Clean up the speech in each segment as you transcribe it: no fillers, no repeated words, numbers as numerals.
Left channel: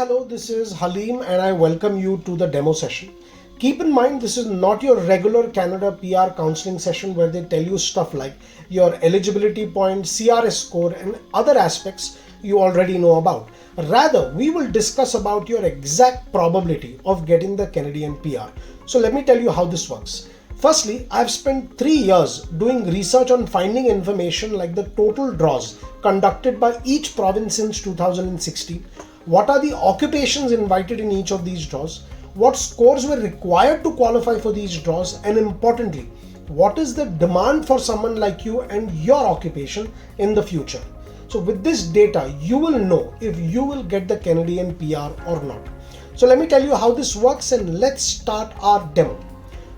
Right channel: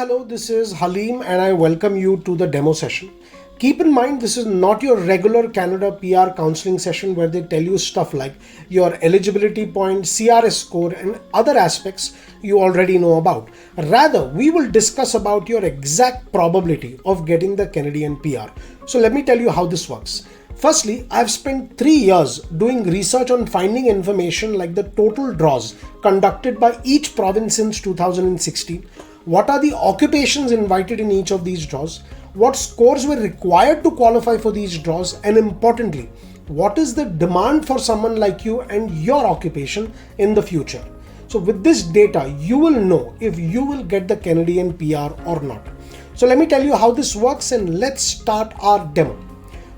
Hello, this is Halim and I welcome you to the demo session. Keep in mind, this is not your regular Canada PR counseling session where they tell you stuff like your eligibility point, CRS score and other aspects you already know about. Rather, we will discuss about your exact probability of getting the Canadian PR. So let me tell you how this works. Firstly, I've spent 3 years doing research on finding information like the total draws conducted by each province since 2016. What are the occupations invited in each of these draws? What scores were required to qualify for these draws? And importantly, what is the demand for someone like you and your occupation in the future? So with this data, you will know if you will get the Canadian PR or not. So let me tell you how this works and let's start our demo.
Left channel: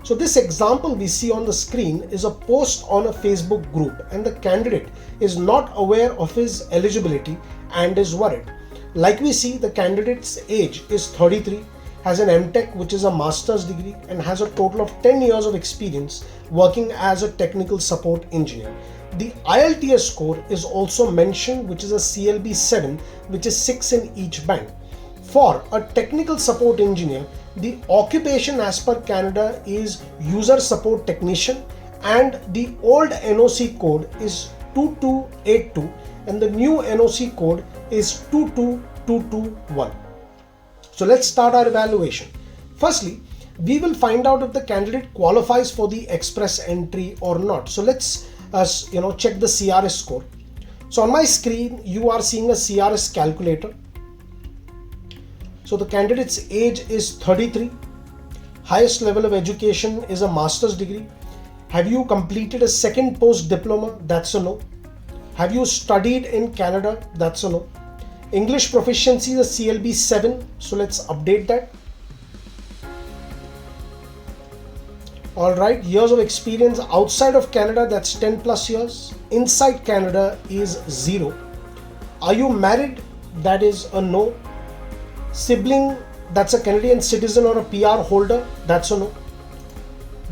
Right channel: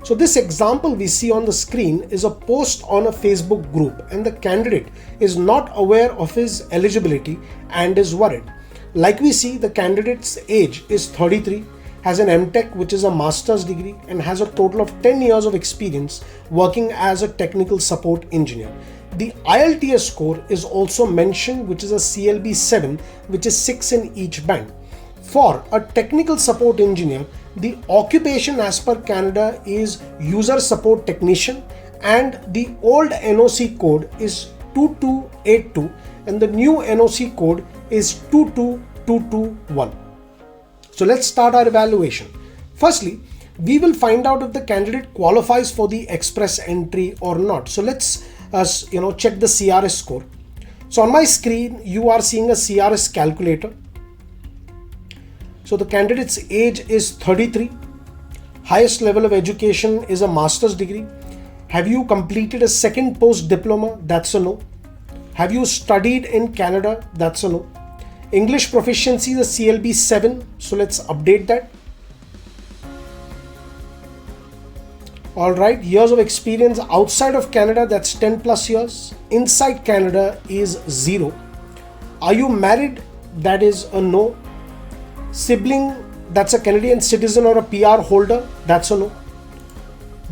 So this example we see on the screen is a post on a Facebook group and the candidate is not aware of his eligibility and is worried. Like we see, the candidate's age is 33, has an MTech which is a master's degree and has a total of 10 years of experience working as a technical support engineer. The IELTS score is also mentioned, which is a CLB 7, which is 6 in each band. For a technical support engineer, the occupation as per Canada is user support technician and the old NOC code is 2282 and the new NOC code is 22221. So let's start our evaluation. Firstly, we will find out if the candidate qualifies for the express entry or not. So let's check the CRS score. So on my screen, you are seeing a CRS calculator. So the candidate's age is 33. Highest level of education is a master's degree. Have you completed a second post diploma? That's a no. Have you studied in Canada? That's a no. English proficiency is a CLB 7. So let's update that. Alright, years of experience outside of Canada, that's 10 plus years. Inside Canada is 0. Are you married? That is a no. Sibling, that's a Canadian citizen or a PR holder, that's a no.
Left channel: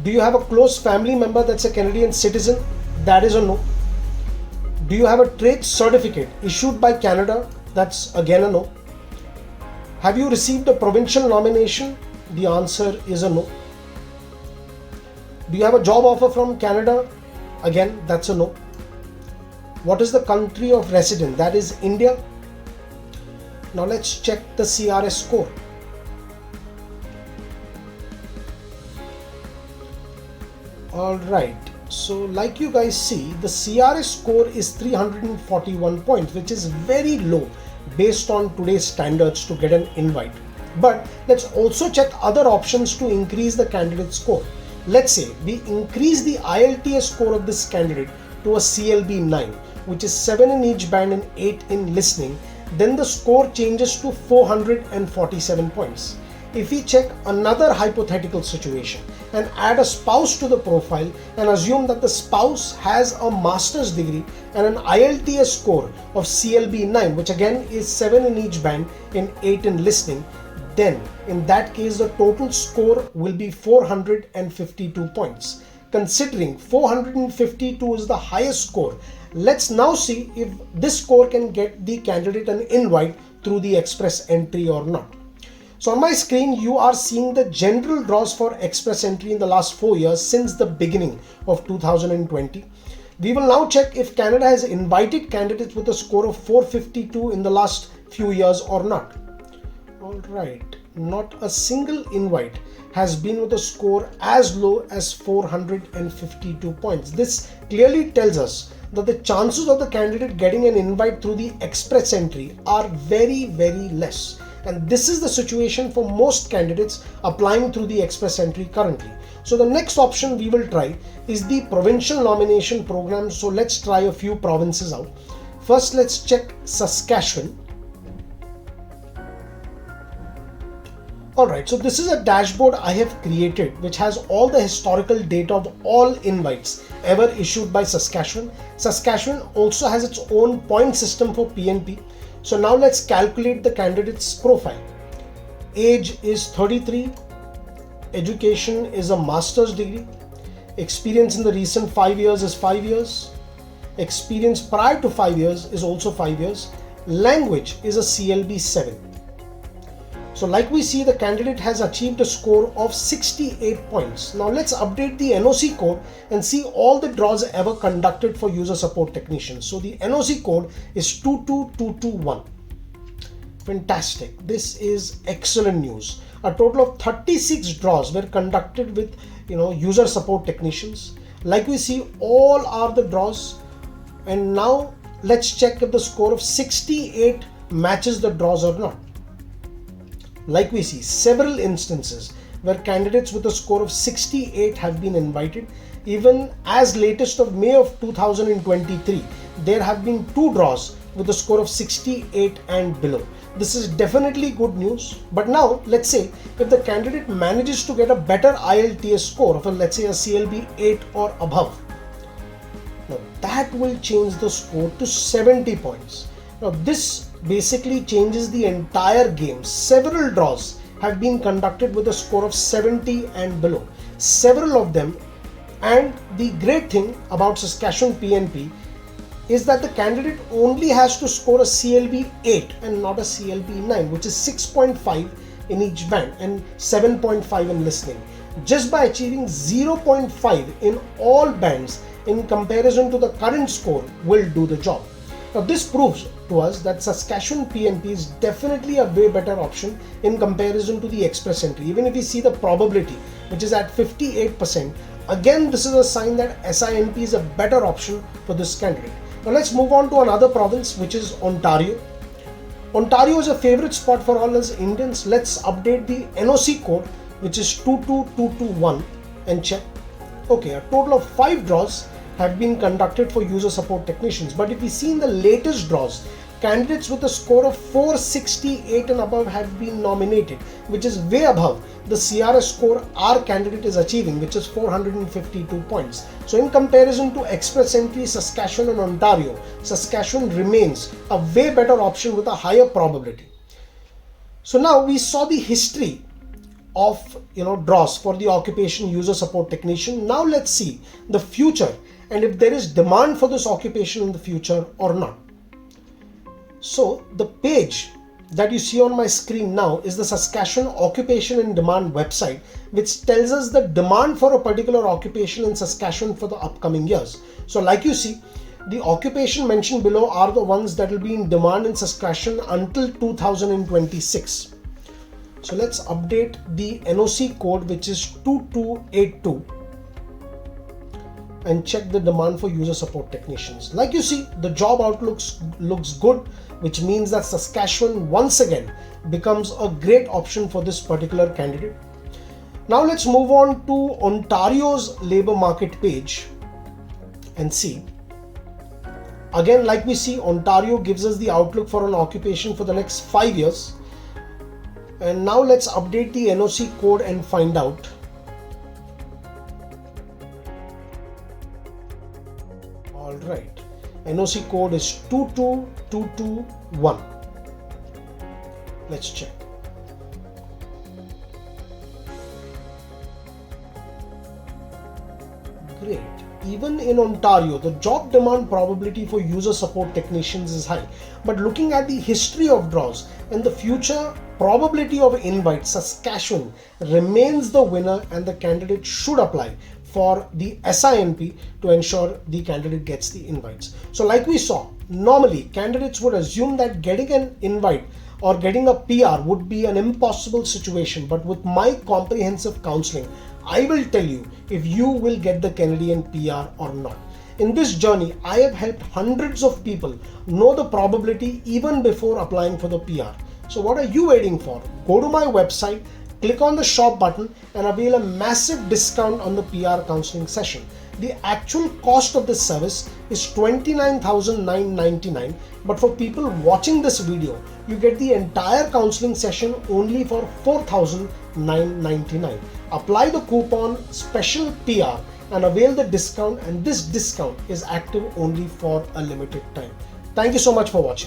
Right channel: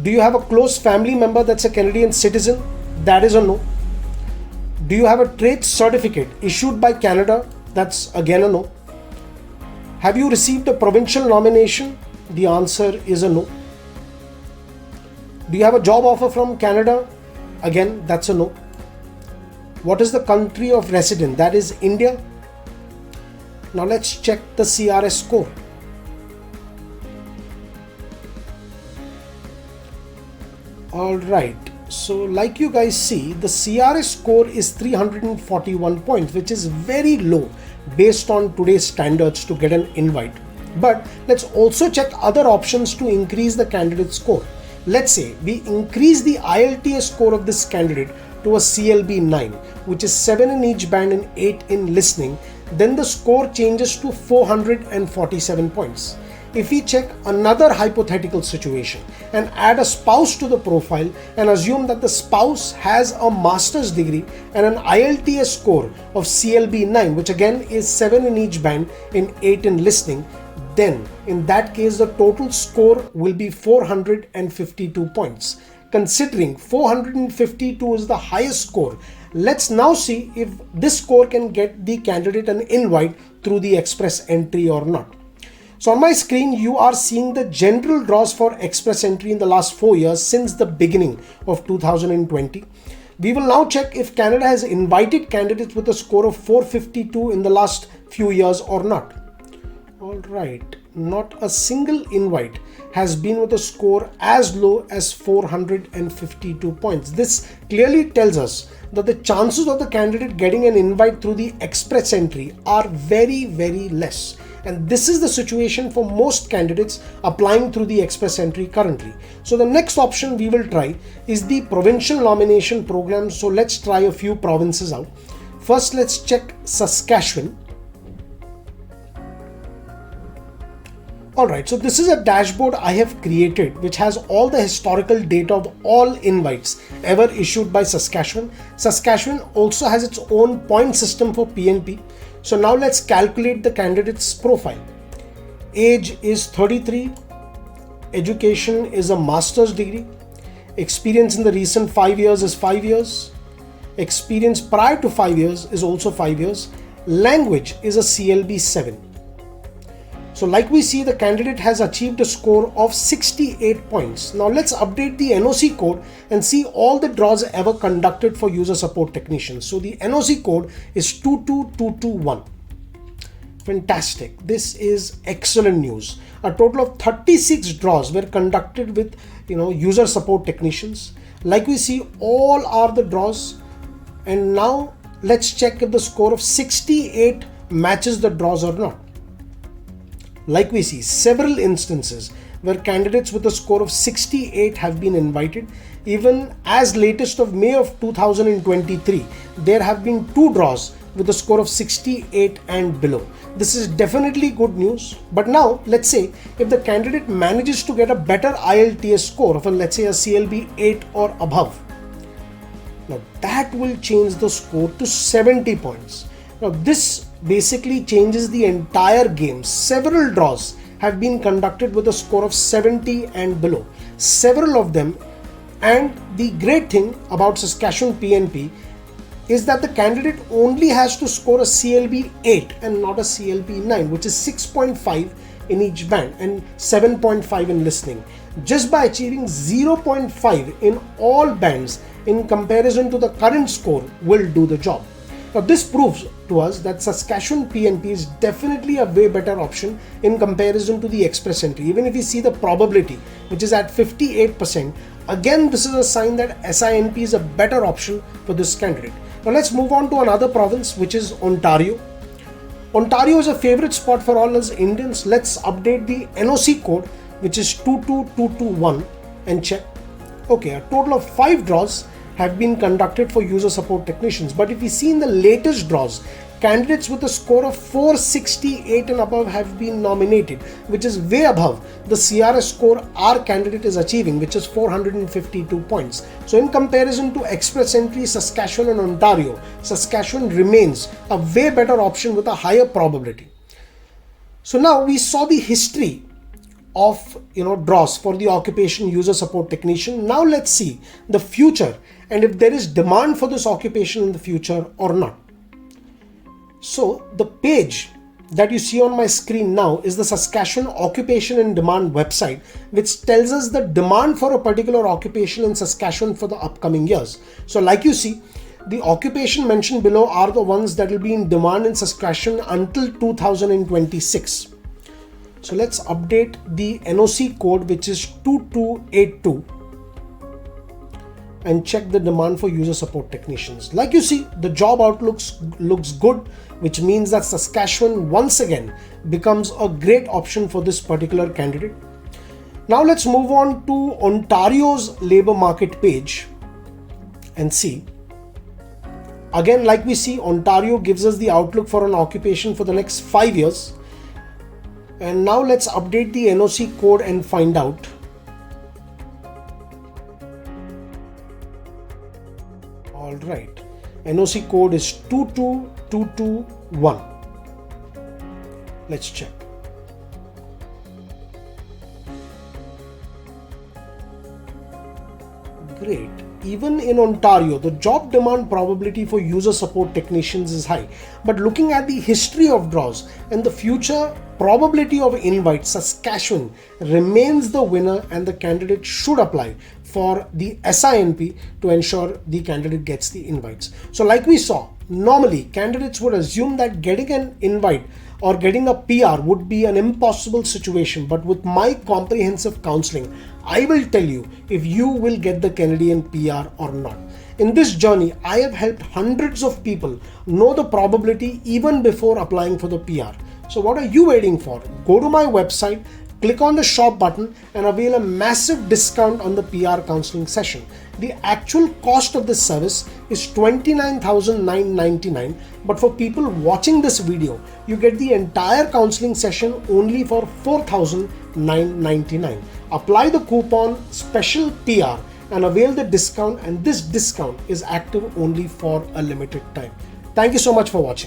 Do you have a close family member that's a Canadian citizen? That is a no. Do you have a trade certificate issued by Canada? That's again a no. Have you received a provincial nomination? The answer is a no. Do you have a job offer from Canada? Again, that's a no. What is the country of residence? That is India. Now let's check the CRS score. Alright, so like you guys see, the CRS score is 341 points, which is very low based on today's standards to get an invite. But let's also check other options to increase the candidate score. Let's say we increase the IELTS score of this candidate to a CLB 9, which is 7 in each band and 8 in listening. Then the score changes to 447 points. If we check another hypothetical situation and add a spouse to the profile and assume that the spouse has a master's degree and an IELTS score of CLB 9, which again is 7 in each band and 8 in listening, then in that case the total score will be 452 points. Considering 452 is the highest score, let's now see if this score can get the candidate an invite through the express entry or not. So on my screen, you are seeing the general draws for express entry in the last 4 years since the beginning of 2020. We will now check if Canada has invited candidates with a score of 452 in the last few years or not. Alright, not a single invite has been with a score as low as 452 points. This clearly tells us that the chances of the candidate getting an invite through the express entry are very, very less. And this is the situation for most candidates applying through the express entry currently. So the next option we will try is the provincial nomination program. So let's try a few provinces out. First, let's check Saskatchewan. Alright, so this is a dashboard I have created which has all the historical data of all invites ever issued by Saskatchewan. Saskatchewan also has its own point system for PNP. So now let's calculate the candidate's profile. Age is 33, education is a master's degree, experience in the recent 5 years is 5 years, experience prior to 5 years is also 5 years, language is a CLB 7. So like we see, the candidate has achieved a score of 68 points. Now let's update the NOC code and see all the draws ever conducted for user support technicians. So the NOC code is 22221. Fantastic. This is excellent news. A total of 36 draws were conducted with user support technicians. Like we see, all are the draws. And now let's check if the score of 68 matches the draws or not. Like we see, several instances where candidates with a score of 68 have been invited. Even as latest of May of 2023, there have been 2 draws with a score of 68 and below. This is definitely good news. But now let's say if the candidate manages to get a better IELTS score of let's say a CLB 8 or above, now that will change the score to 70 points. Now this basically changes the entire game. Several draws have been conducted with a score of 70 and below. Several of them, and the great thing about Saskatchewan PNP is that the candidate only has to score a CLB 8 and not a CLB 9, which is 6.5 in each band and 7.5 in listening. Just by achieving 0.5 in all bands in comparison to the current score will do the job. Now this proves to us that Saskatchewan PNP is definitely a way better option in comparison to the express entry. Even if you see the probability, which is at 58%, again this is a sign that SINP is a better option for this candidate. Now let's move on to another province, which is Ontario. Ontario is a favorite spot for all us Indians. Let's update the NOC code, which is 22221, and check. Okay, a total of 5 draws have been conducted for user support technicians. But if we see in the latest draws, candidates with a score of 468 and above have been nominated, which is way above the CRS score our candidate is achieving, which is 452 points. So in comparison to express entry, Saskatchewan and Ontario, Saskatchewan remains a way better option with a higher probability. So now we saw the history of draws for the occupation user support technician. Now let's see the future and if there is demand for this occupation in the future or not. So the page that you see on my screen now is the Saskatchewan Occupation and Demand website, which tells us the demand for a particular occupation in Saskatchewan for the upcoming years. So like you see, the occupation mentioned below are the ones that will be in demand in Saskatchewan until 2026. So let's update the NOC code, which is 2282, and check the demand for user support technicians. Like you see, the job outlook looks good, which means that Saskatchewan once again becomes a great option for this particular candidate. Now let's move on to Ontario's labor market page and see. Again, like we see, Ontario gives us the outlook for an occupation for the next 5 years. And now let's update the NOC code and find out. All right, NOC code is 22221. Let's check. Great. Even in Ontario, the job demand probability for user support technicians is high. But looking at the history of draws and the future probability of invite, Saskatchewan remains the winner and the candidate should apply for the SINP to ensure the candidate gets the invites. So like we saw, normally candidates would assume that getting an invite or getting a PR would be an impossible situation. But with my comprehensive counseling, I will tell you if you will get the Canadian PR or not. In this journey, I have helped hundreds of people know the probability even before applying for the PR. So what are you waiting for? Go to my website, click on the shop button and avail a massive discount on the PR counseling session. The actual cost of this service is $29,999, but for people watching this video, you get the entire counseling session only for $4,999. Apply the coupon special PR and avail the discount, and this discount is active only for a limited time. Thank you so much for watching.